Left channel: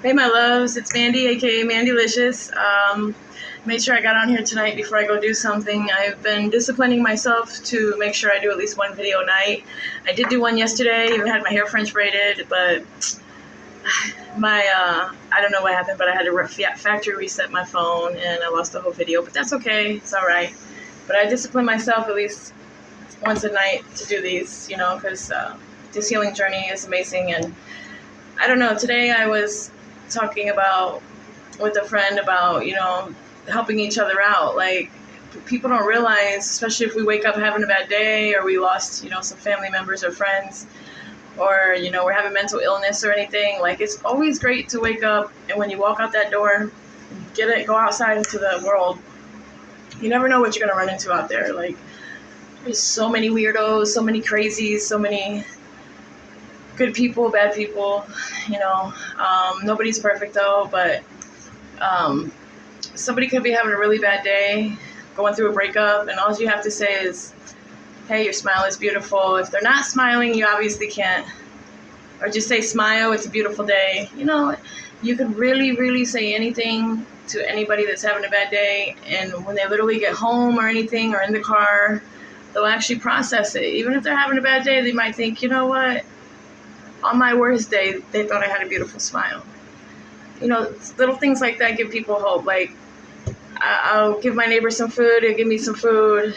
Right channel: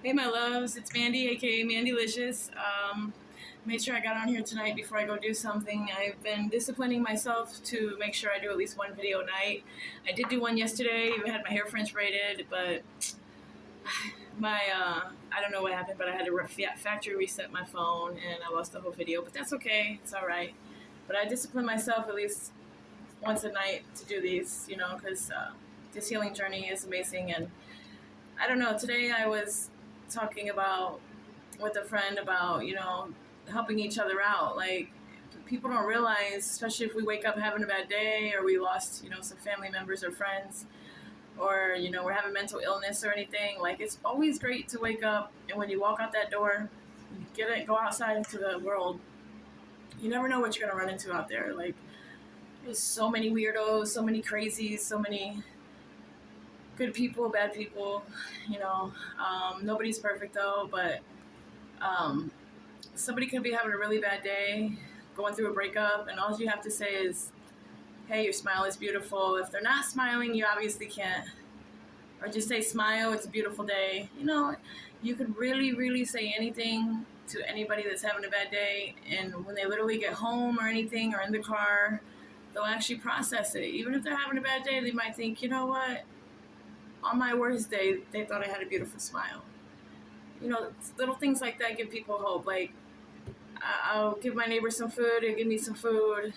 Hey, my loves, it's Mandy, aka Mandylicious. Made sure I got on here tonight before I go do something. I've been disciplining myself to make sure I do at least one video a night. I did do one yesterday, even had my hair French braided, but I don't know what happened, but I had to factory reset my phone and I lost the whole video, but that's okay, it's all right. But I discipline myself at least once a night to do these, because this healing journey is amazing. And I don't know, today I was talking about with a friend about, helping each other out. Like, people don't realize, especially if we wake up having a bad day or we lost, some family members or friends, or, we're having mental illness or anything. Like, it's always great to wake up and when you walk out that door, go outside into the world. You never know what you're going to run into out there. Like, there's so many weirdos, so many crazies, so many good people, bad people, nobody's perfect though, but somebody could be having a really bad day, going through a breakup, and all you have to say is, hey, your smile is beautiful. If they're not smiling, you obviously can't, or just say, smile, it's a beautiful day. You could really, really say anything to anybody that's having a bad day, and when they literally get home or anything, or in the car, they'll actually process it. Even if they're having a bad day, they might think, you know what, on my worst day, they thought I had a beautiful smile. Little things like that give people hope. Like, I'll give my neighbor some food, he'll give me some food.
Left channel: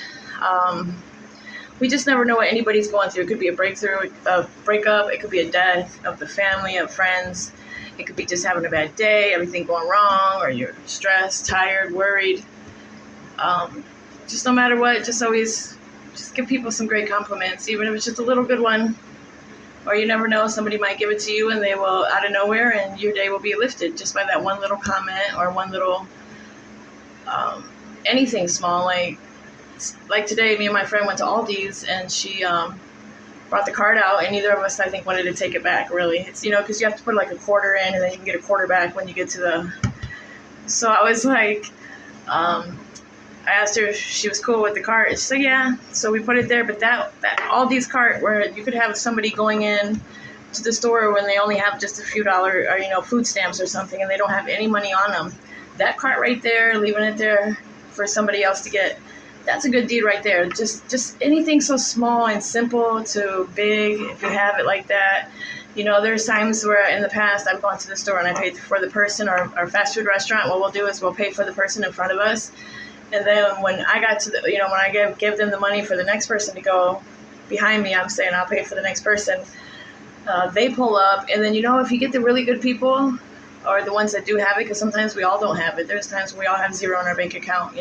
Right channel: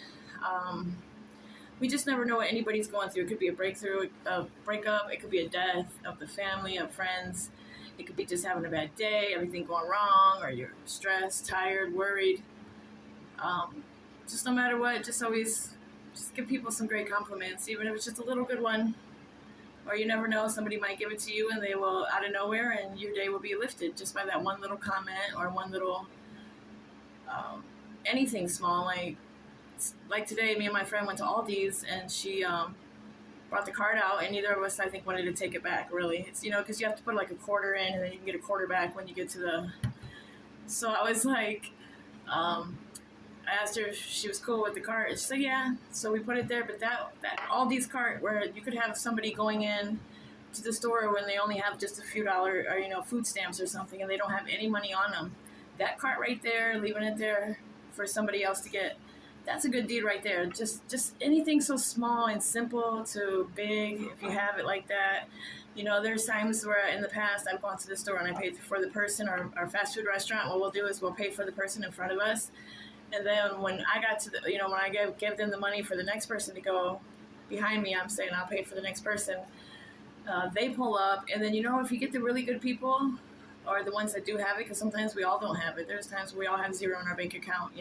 We just never know what anybody's going through. It could be a breakup, it could be a death of the family, of friends. It could be just having a bad day, everything going wrong, or you're stressed, tired, worried. Just no matter what, just always just give people some great compliments, even if it's just a little good one. Or you never know, somebody might give it to you and they will, out of nowhere, and your day will be lifted just by that one little comment or one little, anything small. Like today, me and my friend went to Aldi's and she brought the card out, and neither of us, I think, wanted to take it back, really. It's, because you have to put like a quarter in and then you can get a quarter back when you get to the... So I was like, I asked her if she was cool with the cart. She said, yeah. So we put it there. But that Aldi's cart, where you could have somebody going in to the store when they only have just a few dollars, or, food stamps or something, and they don't have any money on them. That cart right there, leaving it there for somebody else to get, that's a good deed right there. Just anything so small and simple to big, if you have it like that. There's times where in the past I've gone to the store and I paid for the person, or fast food restaurant. What we'll do is we'll pay for the person in front of us. And then when I got to the, when I give them the money for the next person to go behind me, I'm saying I'll pay for the next person. They pull up, and then, if you get the really good people, or the ones that do have it, because sometimes we all don't have it. There's times we all have zero in our bank account,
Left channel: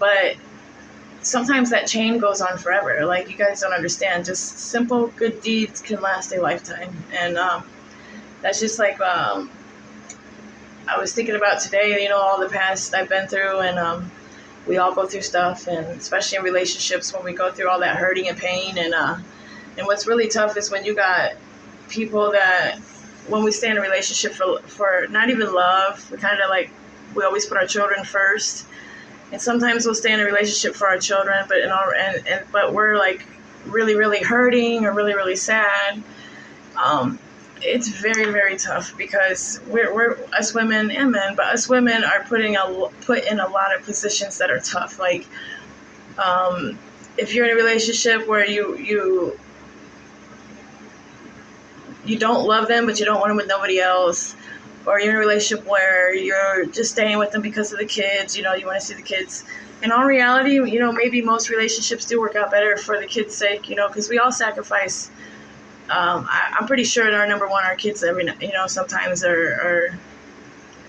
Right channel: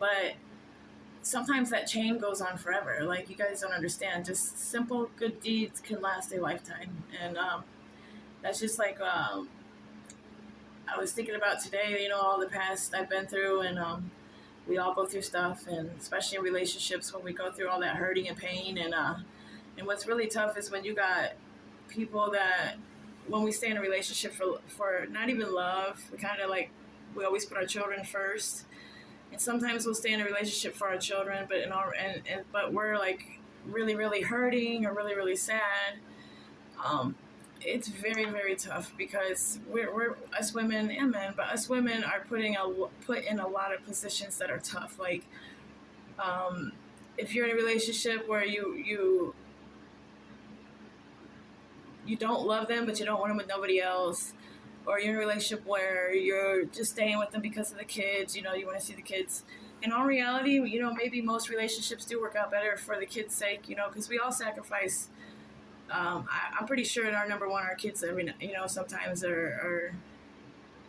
But sometimes that chain goes on forever. Like, you guys don't understand. Just simple good deeds can last a lifetime. And that's just like... I was thinking about today, all the past I've been through, and we all go through stuff, and especially in relationships when we go through all that hurting and pain, and what's really tough is when you got people that, when we stay in a relationship for not even love, we always put our children first, and sometimes we'll stay in a relationship for our children, but we're like really, really hurting or really, really sad. It's very, very tough, because we're us women and men, but us women are put in a lot of positions that are tough. Like, if you're in a relationship where you don't love them, but you don't want them with nobody else, or you're in a relationship where you're just staying with them because of the kids, you want to see the kids. In all reality, maybe most relationships do work out better for the kids' sake, because we all sacrifice. I'm pretty sure our number one, our kids, sometimes are,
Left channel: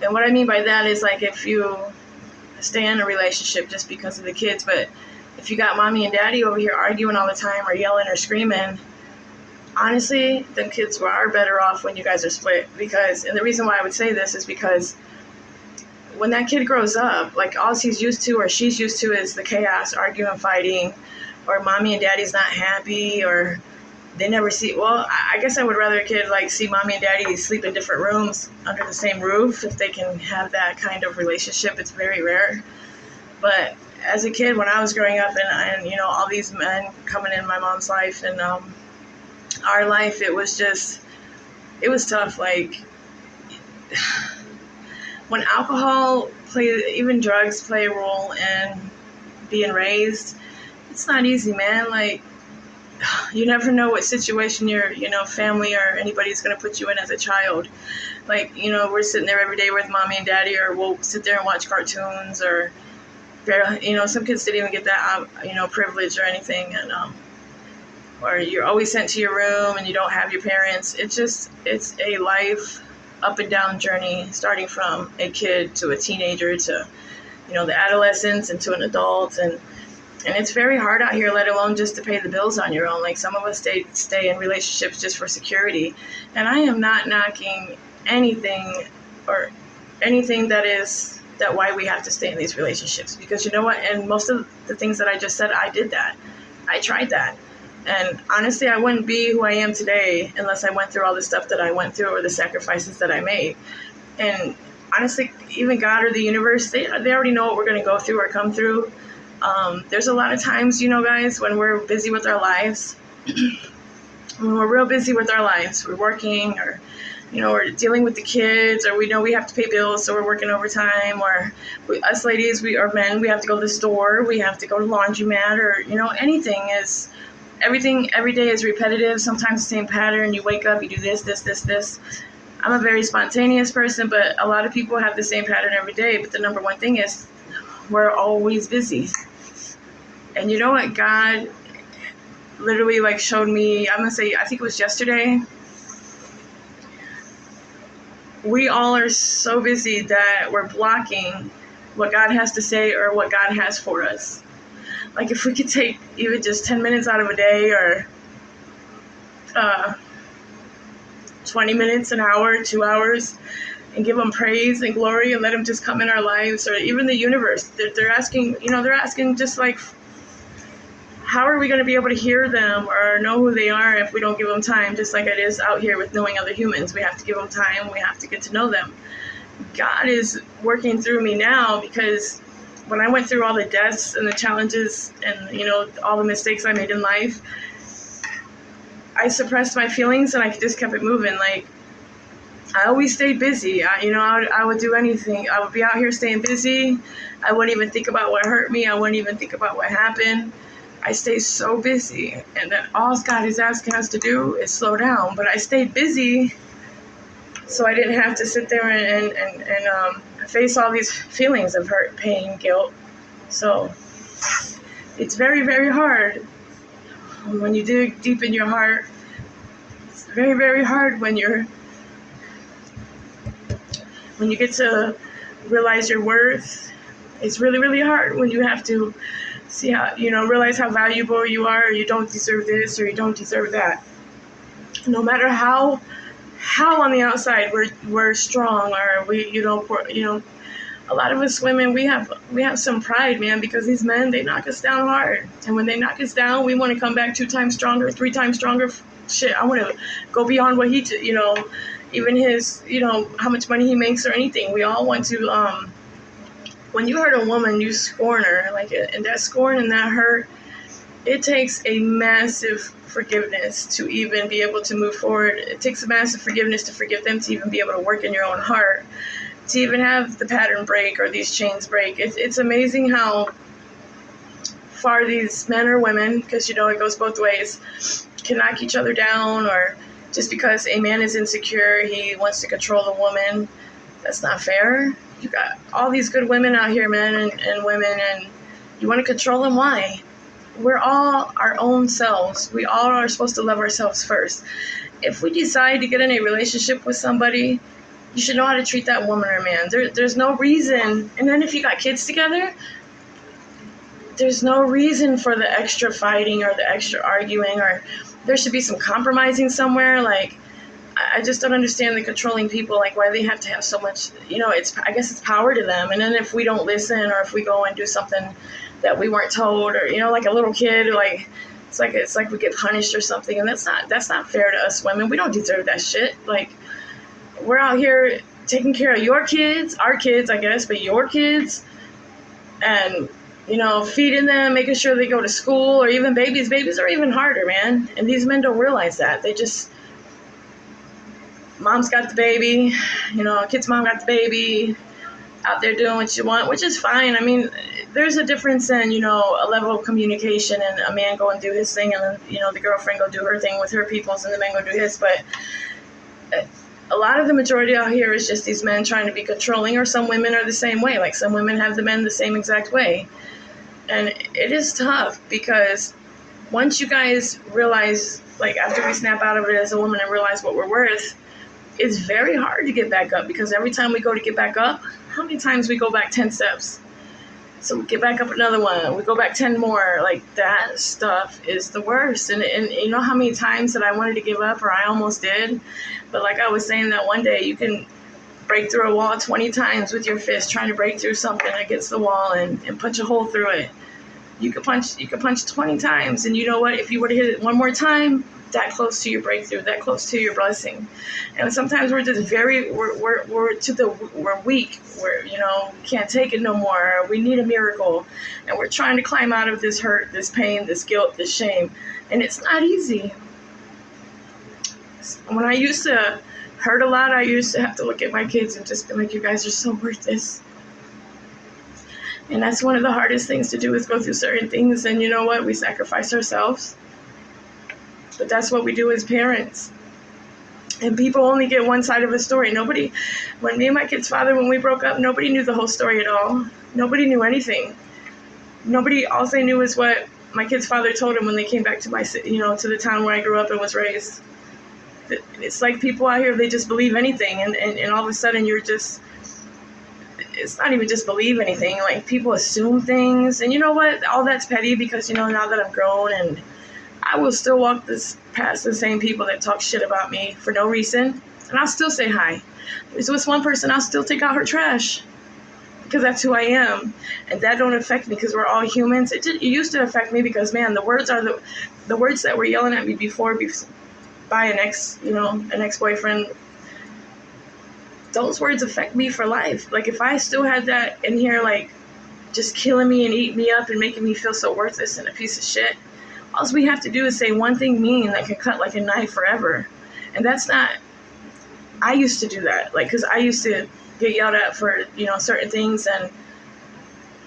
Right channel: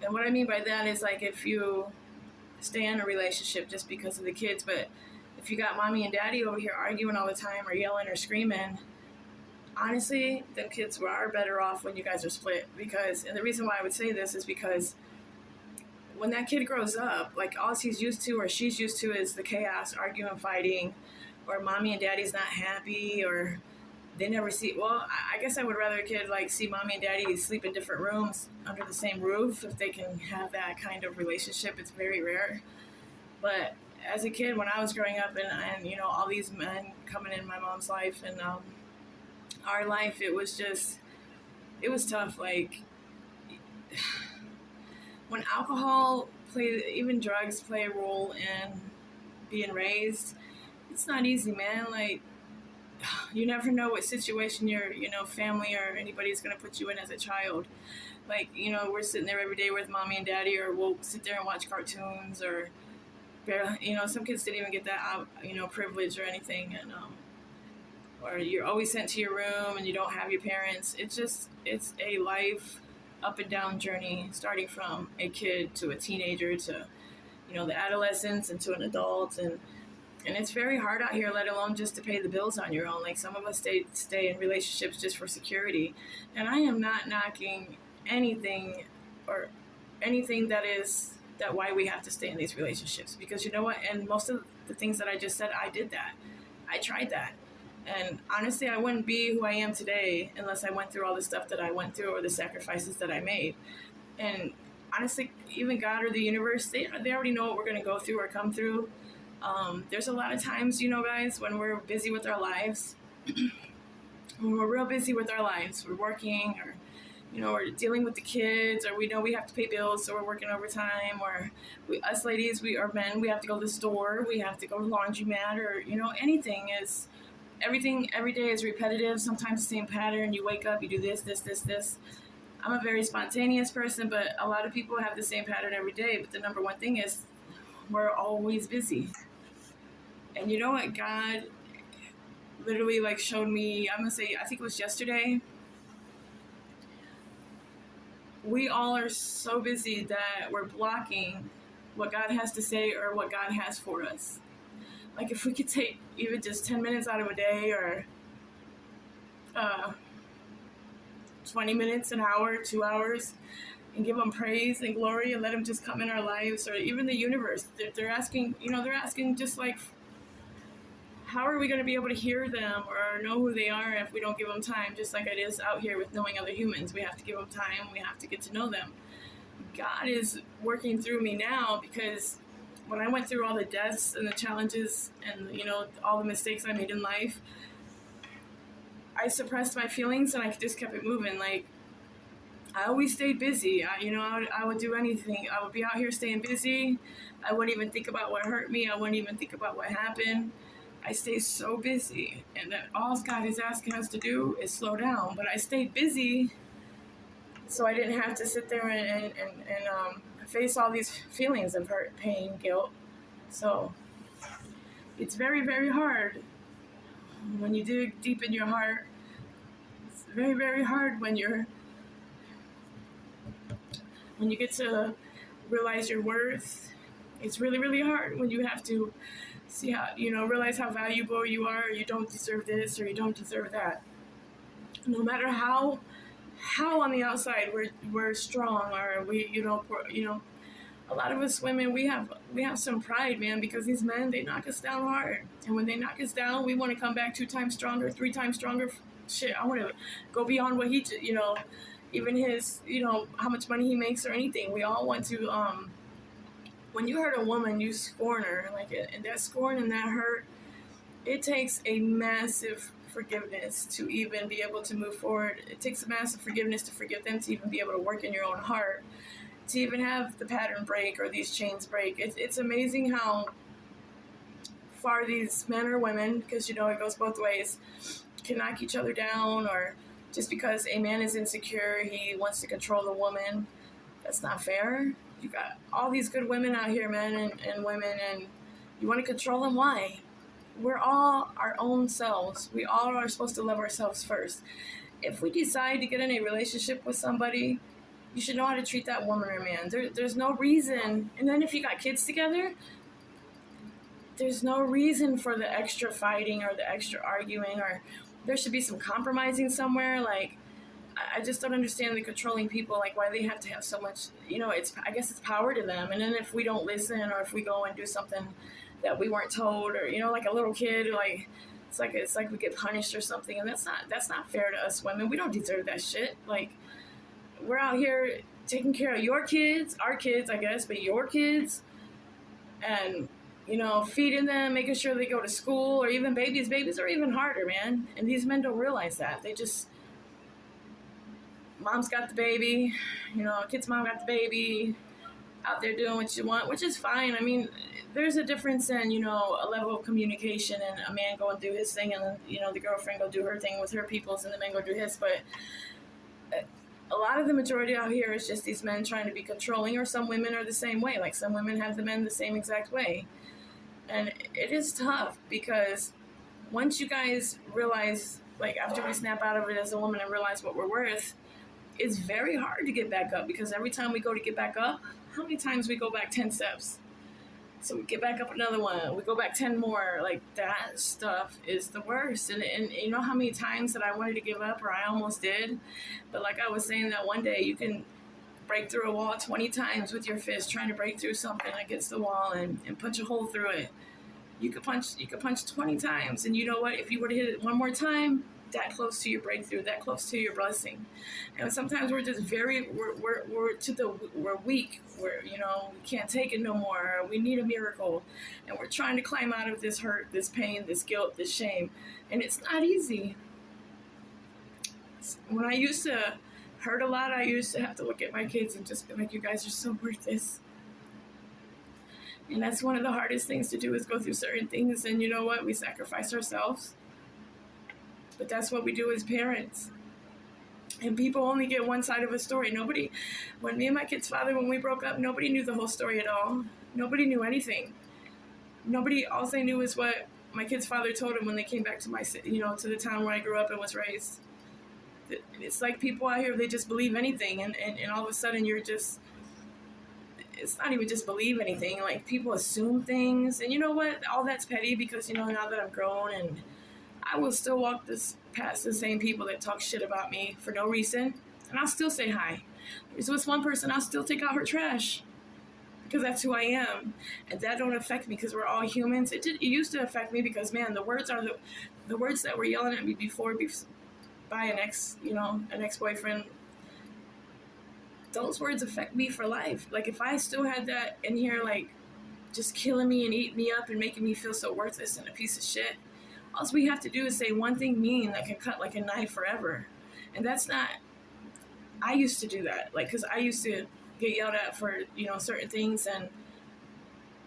and what I mean by that is, like, if you stay in a relationship just because of the kids, but if you got mommy and daddy over here arguing all the time or yelling or screaming, honestly, them kids are better off when you guys are split. And the reason why I would say this is because when that kid grows up, like, all he's used to or she's used to is the chaos, arguing, fighting, or mommy and daddy's not happy, or they never see... Well, I guess I would rather a kid, see mommy and daddy sleep in different rooms under the same roof, if they can have that kind of relationship. It's very rare. But as a kid, when I was growing up, and all these men coming in my mom's life and our life, it was tough. Like, when alcohol plays, even drugs play a role in being raised, it's not easy, man. Like, you never know what situation your, family or anybody's going to put you in as a child. Like, we're sitting there every day with mommy and daddy, or we'll sit there and watch cartoons, or, some kids didn't even get that, privilege or anything. And, or you're always sent to your room and you don't have your parents. It's a life up and down journey, starting from a kid to a teenager to, the adolescence and to an adult. And it's very hard out here, let alone just to pay the bills on your own. Like, some of us stay in relationships just for security. And I am not knocking anything that why we have to stay in these relationships. Because you know what? And most of the things that I just said, I did that. I tried that. And honestly, I wouldn't be who I am today unless I went through all the stuff that I went through, or the sacrifices that I made. And honestly, even God or the universe, they already know what we're going to go through or come through. There's a lot of times, guys, when we're busy with our lives, when we're real busy with our lives, we're working, or, we're dealing with the kids, or we know we have to pay bills, so we're working overtime, or us ladies, or men, we have to go to the store, we have to go to laundromat, or, everything every day is repetitive, sometimes the same pattern. You wake up, you do this. I'm a very spontaneous person, but a lot of people have the same pattern every day. But the number one thing is we're always busy. And you know what? God literally showed me, I'm going to say, I think it was yesterday. We all are so busy that we're blocking what God has to say or what God has for us. Like, if we could take even just 10 minutes out of a day, or 20 minutes, an hour, 2 hours, and give them praise and glory and let them just come in our lives, or even the universe. They're asking, they're asking just like, how are we going to be able to hear them or know who they are if we don't give them time? Just like it is out here with knowing other humans. We have to give them time. We have to get to know them. God is working through me now, because when I went through all the deaths and the challenges and, all the mistakes I made in life, I suppressed my feelings and I just kept it moving. Like, I always stayed busy. I would do anything. I would be out here staying busy. I wouldn't even think about what hurt me. I wouldn't even think about what happened. I stay so busy. And then all God is asking us to do is slow down. But I stayed busy so I didn't have to sit there and face all these feelings of hurt, pain, guilt. So it's very, very hard when you dig deep in your heart. It's very, very hard when you get to realize your worth. It's really, really hard when you have to see how, realize how valuable you are, or you don't deserve this, or you don't deserve that. No matter how on the outside we're strong, or a lot of us women, we have some pride, man, because these men, they knock us down hard. And when they knock us down, we want to come back 2 times stronger, 3 times stronger. Shit, I want to go beyond what he, even his, how much money he makes or anything. We all want to, when you hurt a woman, you scorn her, and that scorn and that hurt, it takes a massive forgiveness to even be able to move forward. It takes a massive forgiveness to forgive them, to even be able to work in your own heart, to even have the pattern break or these chains break. It's amazing how far these men or women, because, it goes both ways, can knock each other down, or just because a man is insecure, he wants to control the woman. That's not fair. You got all these good women out here, men and women, and you want to control them. Why? We're all our own selves. We all are supposed to love ourselves first. If we decide to get in a relationship with somebody, you should know how to treat that woman or man. There's no reason. And then if you got kids together, there's no reason for the extra fighting or the extra arguing, or there should be some compromising somewhere. Like, I just don't understand the controlling people, why they have to have so much, I guess it's power to them. And then if we don't listen, or if we go and do something that we weren't told, or, like a little kid, it's like we get punished or something. And that's not fair to us women. We don't deserve that shit. We're out here taking care of your kids, our kids, I guess, but your kids, and, feeding them, making sure they go to school, or even babies. Babies are even harder, man. And these men don't realize that. mom's got the baby, kid's mom got the baby, out there doing what you want, which is fine. I mean, there's a difference in, a level of communication, and a man go and do his thing, and then, the girlfriend go do her thing with her peoples, and the man go do his. But a lot of the majority out here is just these men trying to be controlling, or some women are the same way. Like, some women have the men the same exact way. And it is tough, because once you guys realize, like, after we snap out of it as a woman and realize what we're worth, it's very hard to get back up, because every time we go to get back up, how many times we go back 10 steps? So we get back up another one, we go back 10 more. Like, that stuff is the worst. And you know how many times that I wanted to give up, or I almost did? But like I was saying, that one day you can break through a wall 20 times with your fist, trying to break through something against the wall and punch a hole through it. You could punch 20 times, and you know what? If you were to hit it one more time, that close to your breakthrough, that close to your blessing. And sometimes we're just we're weak. We can't take it no more. We need a miracle, and we're trying to climb out of this hurt, this pain, this guilt, this shame, and it's not easy. When I used to hurt a lot, I used to have to look at my kids and just be like, you guys are so worth this. And that's one of the hardest things to do, is go through certain things. And you know what? We sacrifice ourselves. But that's what we do as parents. And people only get one side of a story. When me and my kid's father, when we broke up, nobody knew the whole story at all. Nobody knew anything. All they knew is what my kid's father told them when they came back to to the town where I grew up and was raised. It's like people out here, they just believe anything. And all of a sudden it's not even just believe anything. Like, people assume things. And you know what? All that's petty, because, now that I'm grown, and I will still walk past the same people that talk shit about me for no reason. And I'll still say hi. There's this one person, I'll still take out her trash, because that's who I am. And that don't affect me, because we're all humans. It used to affect me, because, man, the words are the words that were yelling at me before by an ex-boyfriend. Those words affect me for life. Like, if I still had that in here, like, just killing me and eating me up and making me feel so worthless and a piece of shit, all we have to do is say one thing mean that can cut like a knife forever. And that's not, I used to do that. Like, because I used to get yelled at for, certain things, and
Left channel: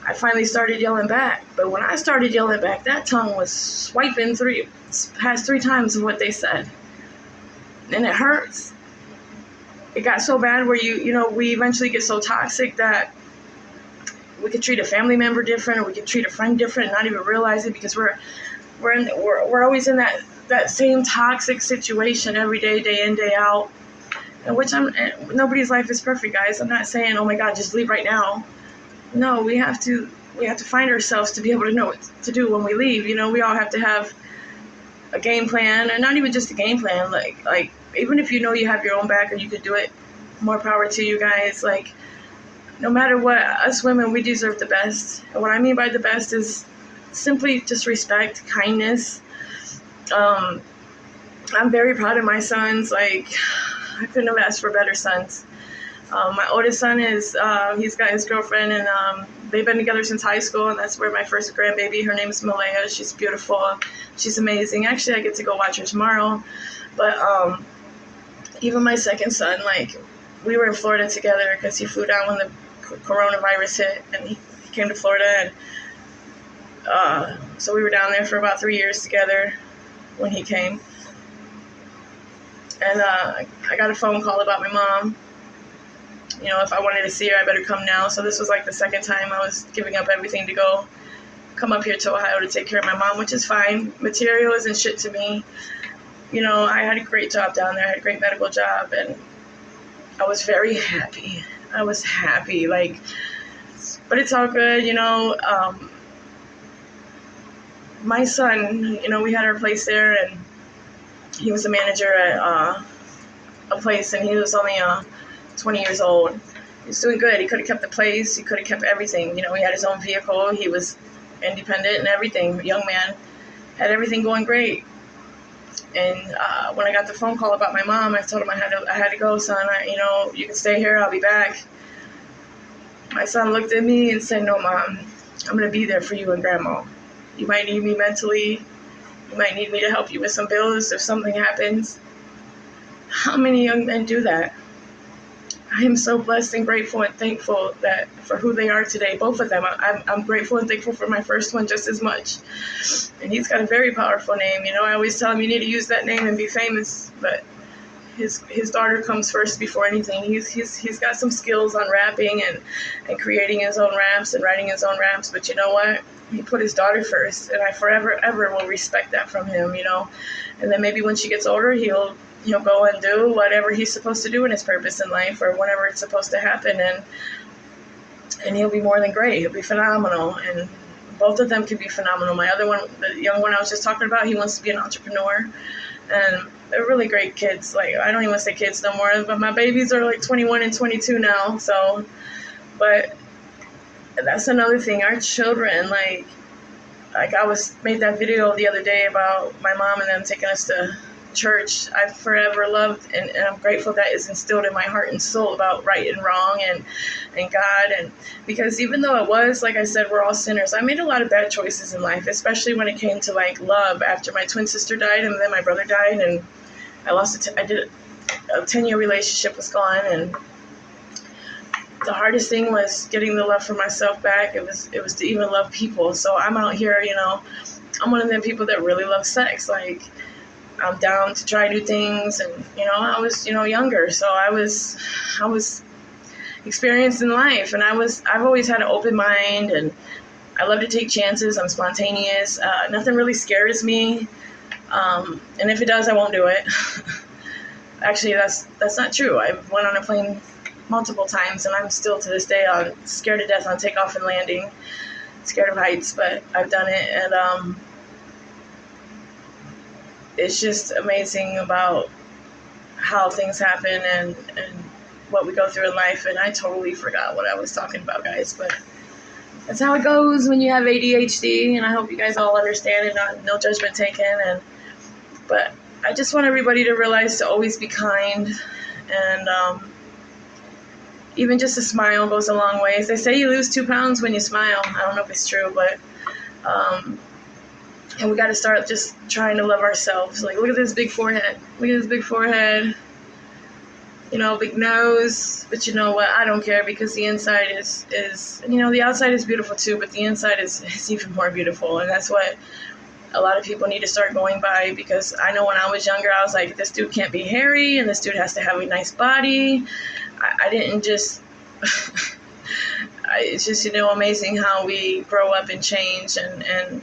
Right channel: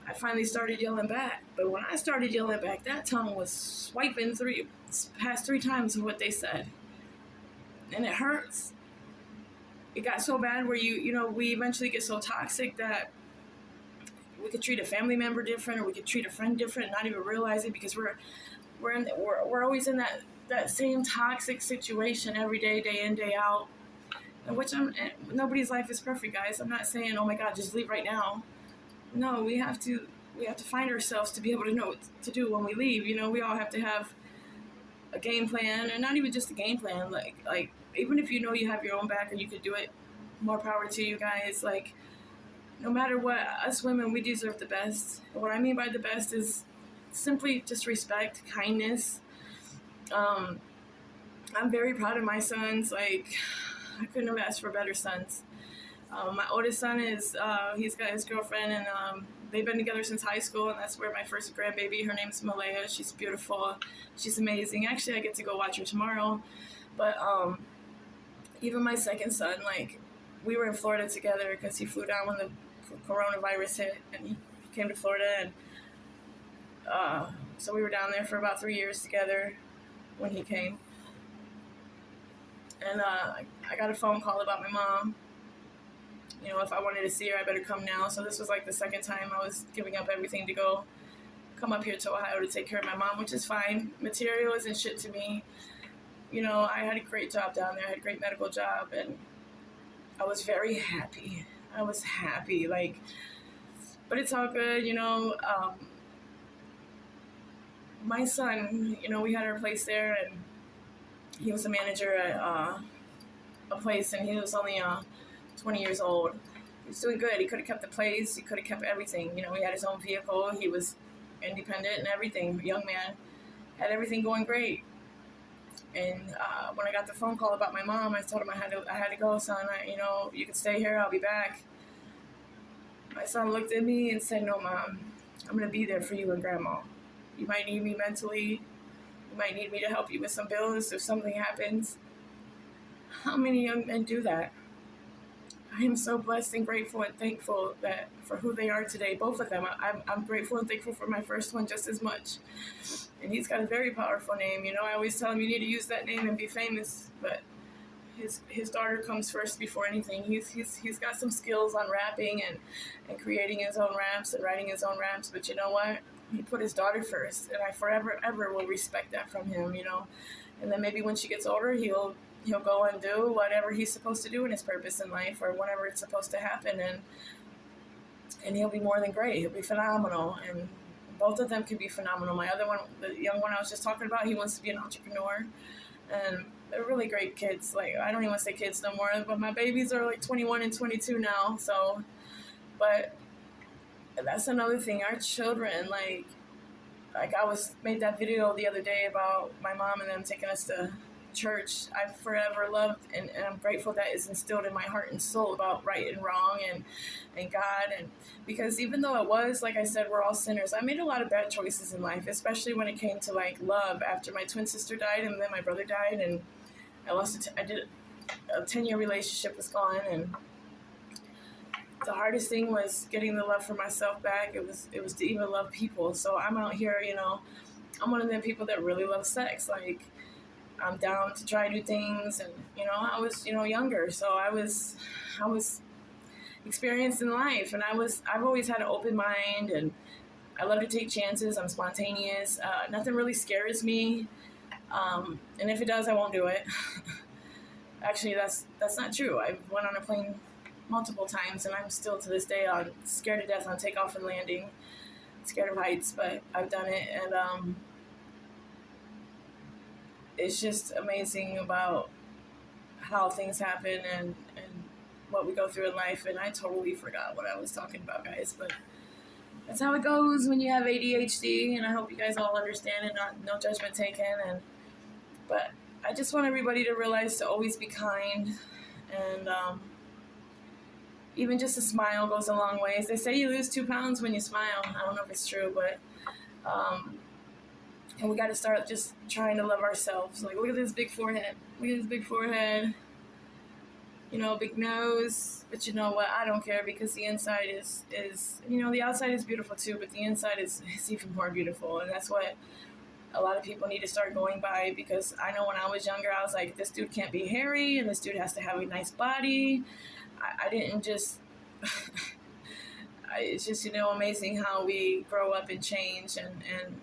I finally started yelling back. But when I started yelling back, that tongue was swiping past 3 times of what they said. And it hurts. It got so bad where we eventually get so toxic that we could treat a family member different, or we could treat a friend different and not even realize it, because we're always in that same toxic situation every day, day in, day out. And nobody's life is perfect, guys. I'm not saying, oh my God, just leave right now. No, we have to find ourselves to be able to know what to do when we leave. We all have to have a game plan, and not even just a game plan. Like even if you have your own back and you could do it, more power to you guys. Like, no matter what, us women, we deserve the best. And what I mean by the best is simply just respect, kindness. I'm very proud of my sons. Like, I couldn't have asked for better sons. My oldest son he's got his girlfriend, and they've been together since high school, and that's where my first grandbaby, her name is Malaya. She's beautiful. She's amazing. Actually, I get to go watch her tomorrow. But even my second son, like, we were in Florida together because he flew down when the coronavirus hit, and he came to Florida, and so we were down there for about 3 years together when he came. And I got a phone call about my mom. If I wanted to see her, I better come now. So this was like the second time I was giving up everything to come up here to Ohio to take care of my mom, which is fine. Material isn't shit to me. I had a great job down there. I had a great medical job, and I was very happy. I was happy, but it's all good, my son, we had our place there, and he was a manager at a place, and he was only 20 years old. He was doing good. He could have kept the place. He could have kept everything. He had his own vehicle. He was independent and everything. Young man, had everything going great. And when I got the phone call about my mom, I told him I had to go, son. You can stay here. I'll be back. My son looked at me and said, "No, Mom, I'm going to be there for you and Grandma. You might need me mentally. You might need me to help you with some bills if something happens. How many young men do that? I am so blessed and grateful and thankful that for who they are today, both of them. I'm grateful and thankful for my first one just as much. And he's got a very powerful name. You know, I always tell him you need to use that name and be famous, but his daughter comes first before anything. He's got some skills on rapping and creating his own raps and writing his own raps, but you know what? He put his daughter first, and I forever ever will respect that from him, you know. And then maybe when she gets older, he'll go and do whatever he's supposed to do in his purpose in life or whenever it's supposed to happen, and he'll be more than great. He'll be phenomenal, and both of them can be phenomenal. My other one, the young one I was just talking about, he wants to be an entrepreneur, and they're really great kids. Like, I don't even want to say kids no more, but my babies are like 21 and 22 now. So, but that's another thing. Our children, like I made that video the other day about my mom and them taking us to church. I've forever loved, and I'm grateful that is instilled in my heart and soul about right and wrong and God. And because even though it was, like I said, we're all sinners, I made a lot of bad choices in life, especially when it came to like love. After my twin sister died and then my brother died, and I did a 10-year relationship was gone, and the hardest thing was getting the love for myself back. It was to even love people. So I'm out here, you know, I'm one of them people that really love sex. Like, I'm down to try new things, and you know, I was, you know, younger, so I was experienced in life, and I've always had an open mind, and I love to take chances. I'm spontaneous. Nothing really scares me, and if it does, I won't do it. Actually, that's not true. I went on a plane multiple times, and I'm still to this day scared to death on takeoff and landing, scared of heights, but I've done it, and it's just amazing about how things happen and what we go through in life. And I totally forgot what I was talking about, guys, but that's how it goes when you have ADHD, and I hope you guys all understand it. No judgment taken. But I just want everybody to realize to always be kind, and even just a smile goes a long ways. They say you lose 2 pounds when you smile. I don't know if it's true, but and we got to start just trying to love ourselves. Like, look at this big forehead. Look at this big forehead. You know, big nose. But you know what? I don't care, because the inside is you know, the outside is beautiful too, but the inside is even more beautiful. And that's what a lot of people need to start going by, because I know when I was younger, I was like, this dude can't be hairy, and this dude has to have a nice body. I didn't just... it's just, you know, amazing how we grow up and change, and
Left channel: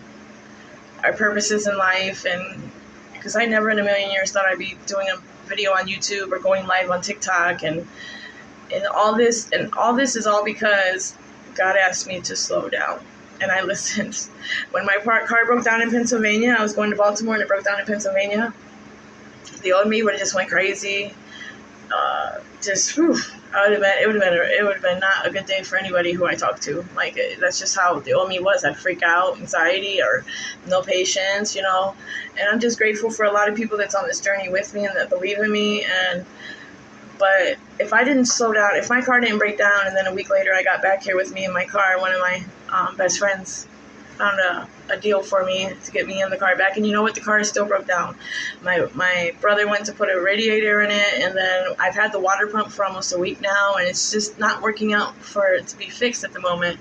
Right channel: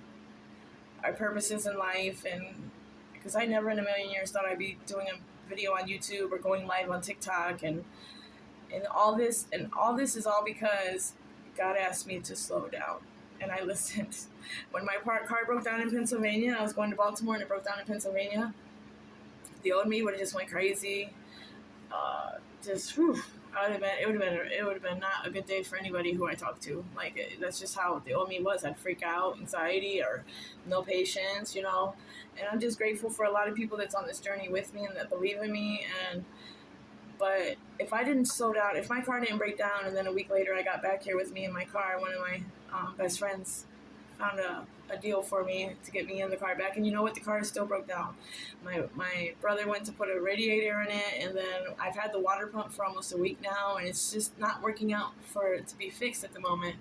our purposes in life. And because I never in a million years thought I'd be doing a video on YouTube or going live on TikTok, and all this is all because God asked me to slow down, and I listened. When my car broke down in Pennsylvania, I was going to Baltimore, and it broke down in Pennsylvania. The old me would have just went crazy. It would have been not a good day for anybody who I talked to. Like, that's just how the old me was. I'd freak out, anxiety, or no patience, you know. And I'm just grateful for a lot of people that's on this journey with me and that believe in me. But if I didn't slow down, if my car didn't break down, and then a week later I got back here with me in my car, one of my best friends found a deal for me to get me in the car back. And you know what? The car still broke down. My brother went to put a radiator in it, and then I've had the water pump for almost a week now, and it's just not working out for it to be fixed at the moment,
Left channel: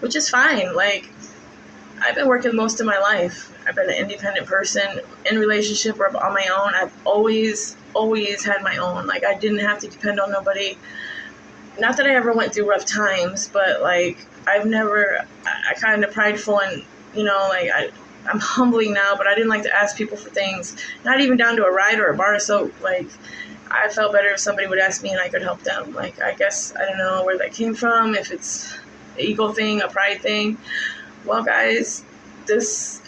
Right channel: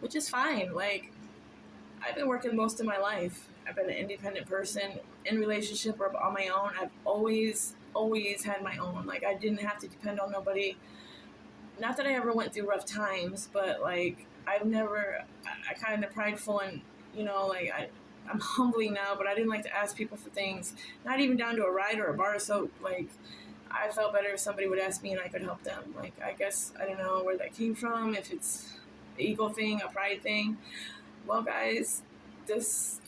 which is fine. Like, I've been working most of my life. I've been an independent person in relationship or on my own. I've always had my own. Like, I didn't have to depend on nobody. Not that I ever went through rough times, but like, I kind of prideful, and you know, like, I'm humbling now, but I didn't like to ask people for things, not even down to a ride or a bar of soap. Like, I felt better if somebody would ask me and I could help them. Like, I guess, I don't know where that came from, if it's an ego thing, a pride thing. Well, guys,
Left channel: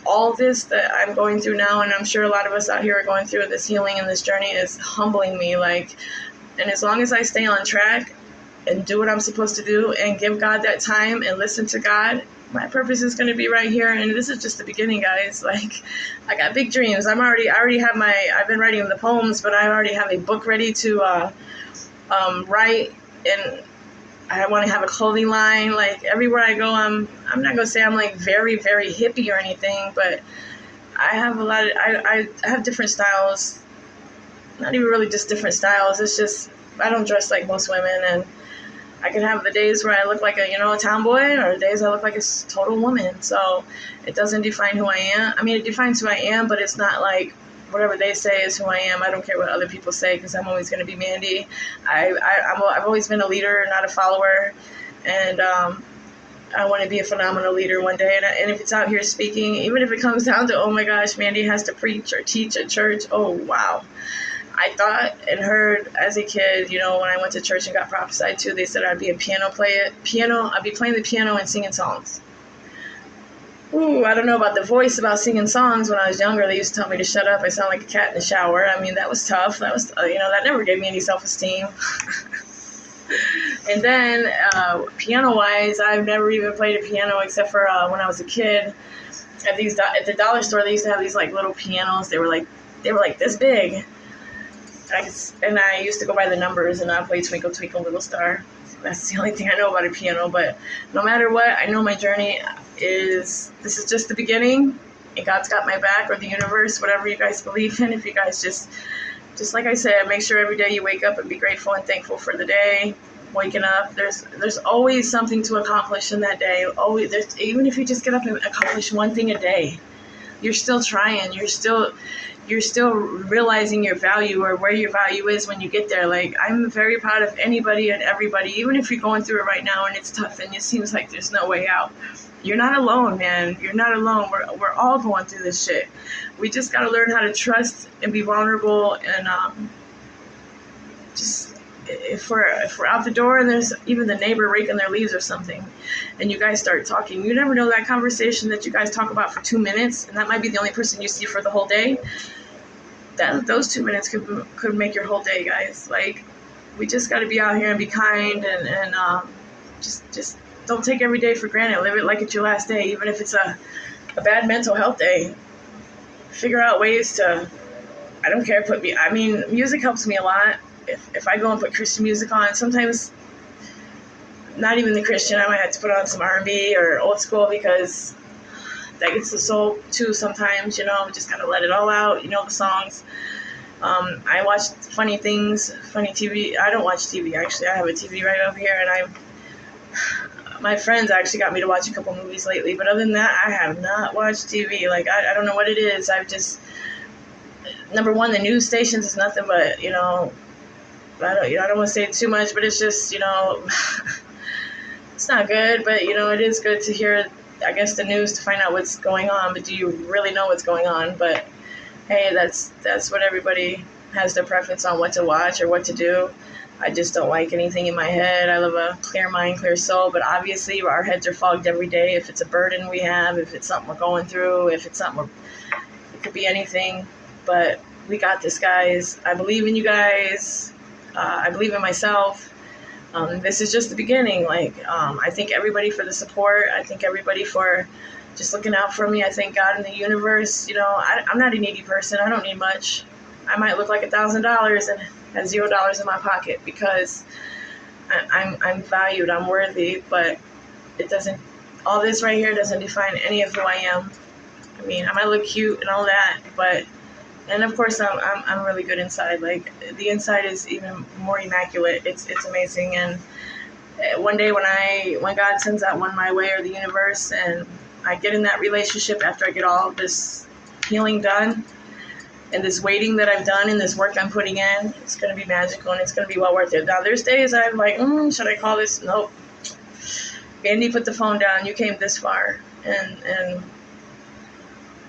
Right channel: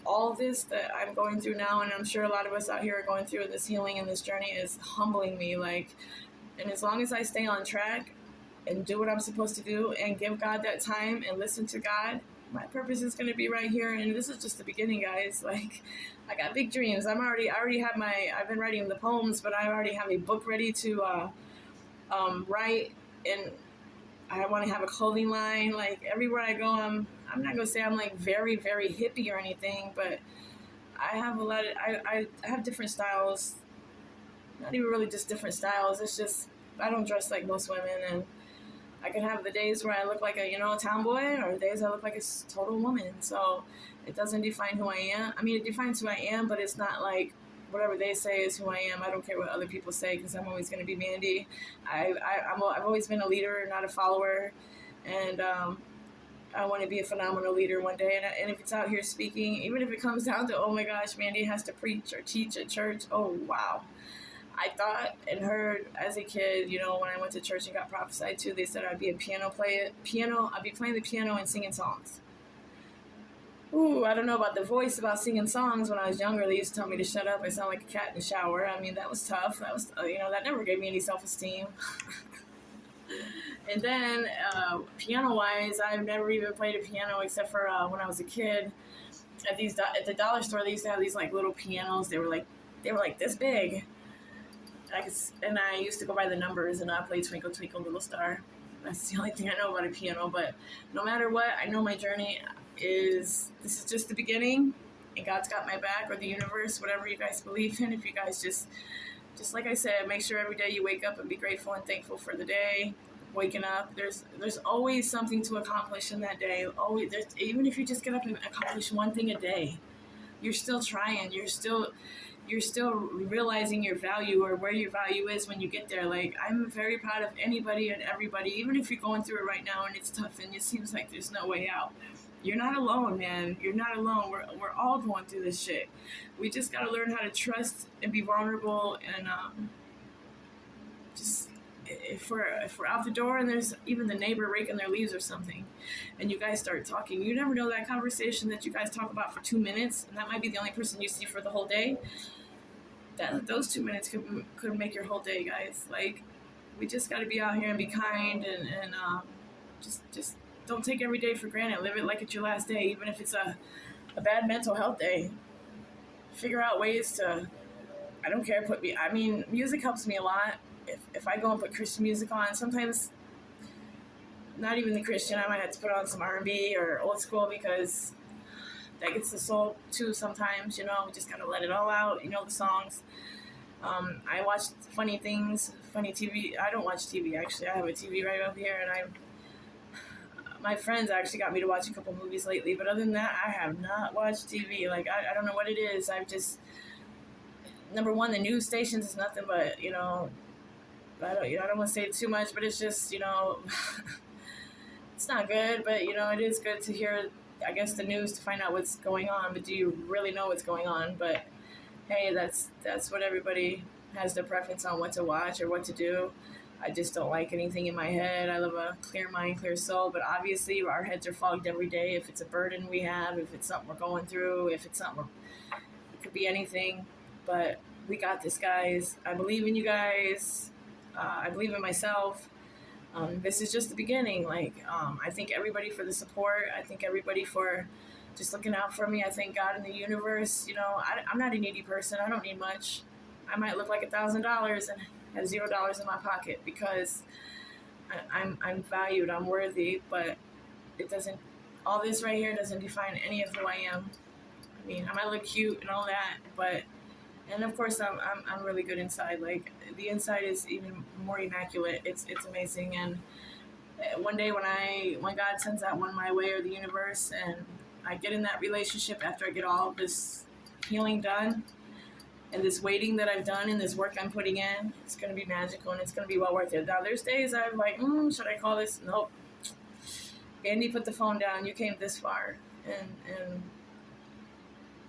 all this that I'm going through now, and I'm sure a lot of us out here are going through, this healing and this journey is humbling me. Like, and as long as I stay on track and do what I'm supposed to do and give God that time and listen to God, my purpose is going to be right here. And this is just the beginning, guys. Like, I got big dreams. I already have I've been writing the poems, but I already have a book ready to write, and I want to have a clothing line. Like, everywhere I go, I'm not going to say I'm like very, very hippie or anything, but I have I have different styles. not even really just different styles. It's just I don't dress like most women, and I can have the days where I look like a tomboy, or the days I look like a total woman. So it doesn't define who I am. I mean, it defines who I am, but it's not like whatever they say is who I am. I don't care what other people say, because I'm always going to be Mandy. I've always been a leader, not a follower, and I want to be a phenomenal leader one day. And if it's out here speaking, even if it comes down to, oh my gosh, Mandy has to preach or teach at church, oh wow. I thought and heard as a kid, when I went to church and got prophesied to, they said I'd be a I'd be playing the piano and singing songs. Ooh, I don't know about the voice about singing songs. When I was younger, they used to tell me to shut up. I sound like a cat in the shower. I mean, that was tough. That was, that never gave me any self-esteem. And then, piano-wise, I've never even played a piano except for when I was a kid. At the dollar store, they used to have these like little pianos. They were like this big. And I used to go by the numbers, and I played Twinkle Twinkle Little Star. That's the only thing I know about a piano. But no matter what, I know my journey this is just the beginning, and God's got my back, or the universe, whatever you guys believe in. If you guys just like I said, make sure every day you wake up and be grateful and thankful for the day. Waking up, there's always something to accomplish in that day. Always, even if you just get up and accomplish one thing a day, you're still trying. You're still realizing your value, or where your value is when you get there. Like, I'm very proud of anybody and everybody, even if you're going through it right now and it's tough and it seems like there's no way out. You're not alone, man. You're not alone. We're all going through this shit. We just got to learn how to trust and be vulnerable, and just if we're out the door and there's even the neighbor raking their leaves or something, and you guys start talking, you never know, that conversation that you guys talk about for 2 minutes, and that might be the only person you see for the whole day. Those 2 minutes could make your whole day, guys. Like, we just got to be out here and be kind, and just don't take every day for granted. Live it like it's your last day, even if it's a bad mental health day. Figure out ways to, I don't care, music helps me a lot. If I go and put Christian music on, sometimes not even the Christian, I might have to put on some R&B or old school, because that gets the soul too sometimes, just gotta let it all out, the songs. I watch funny things, funny TV. I don't watch TV, actually. I have a TV right over here, and my friends actually got me to watch a couple movies lately, but other than that, I have not watched TV. Like, I don't know what it is. I've just, number one, the news stations is nothing but, I don't want to say too much, but it's just, it's not good, but, it is good to hear, I guess, the news to find out what's going on, but do you really know what's going on? But, hey, that's what everybody has their preference on, what to watch or what to do. I just don't like anything in my head. I love a clear mind, clear soul, but obviously our heads are fogged every day. If it's a burden we have, if it's something we're going through, if it's something it could be anything, but we got this, guys. I believe in you guys. I believe in myself. This is just the beginning. I thank everybody for the support. I thank everybody for just looking out for me. I thank God in the universe. I'm not a needy person. I don't need much. I might look like $1,000 and have $0 in my pocket, because I'm valued. I'm worthy, but it doesn't. All this right here doesn't define any of who I am. I mean, I might look cute and all that, but. And of course, I'm really good inside. Like, the inside is even more immaculate. It's amazing. And one day when God sends that one my way, or the universe, and I get in that relationship after I get all of this healing done, and this waiting that I've done, and this work I'm putting in, it's going to be magical, and it's going to be well worth it. Now, there's days I'm like, should I call this? Nope. Andy, put the phone down. You came this far, and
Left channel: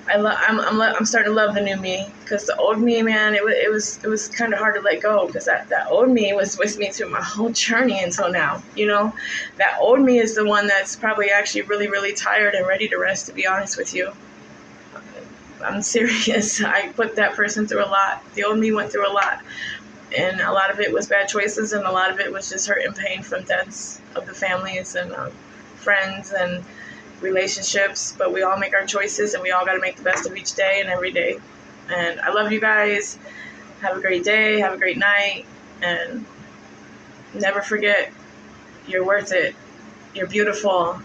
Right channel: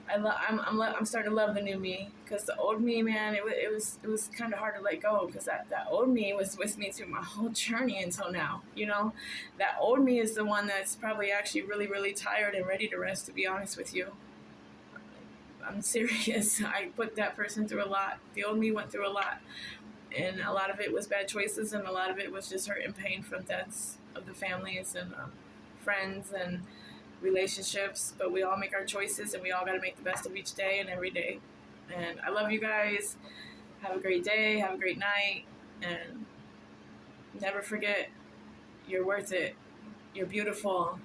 I'm starting to love the new me, because the old me, man, it was kind of hard to let go, because that old me was with me through my whole journey until now. That old me is the one that's probably actually really, really tired and ready to rest, to be honest with you. I'm serious. I put that person through a lot. The old me went through a lot, and a lot of it was bad choices, and a lot of it was just hurt and pain from deaths of the families and friends and relationships. But we all make our choices, and we all got to make the best of each day and every day. And I love you guys. Have a great day. Have a great night. And never forget, you're worth it. You're beautiful.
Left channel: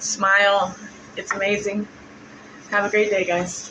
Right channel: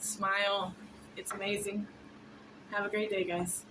Smile. It's amazing. Have a great day, guys.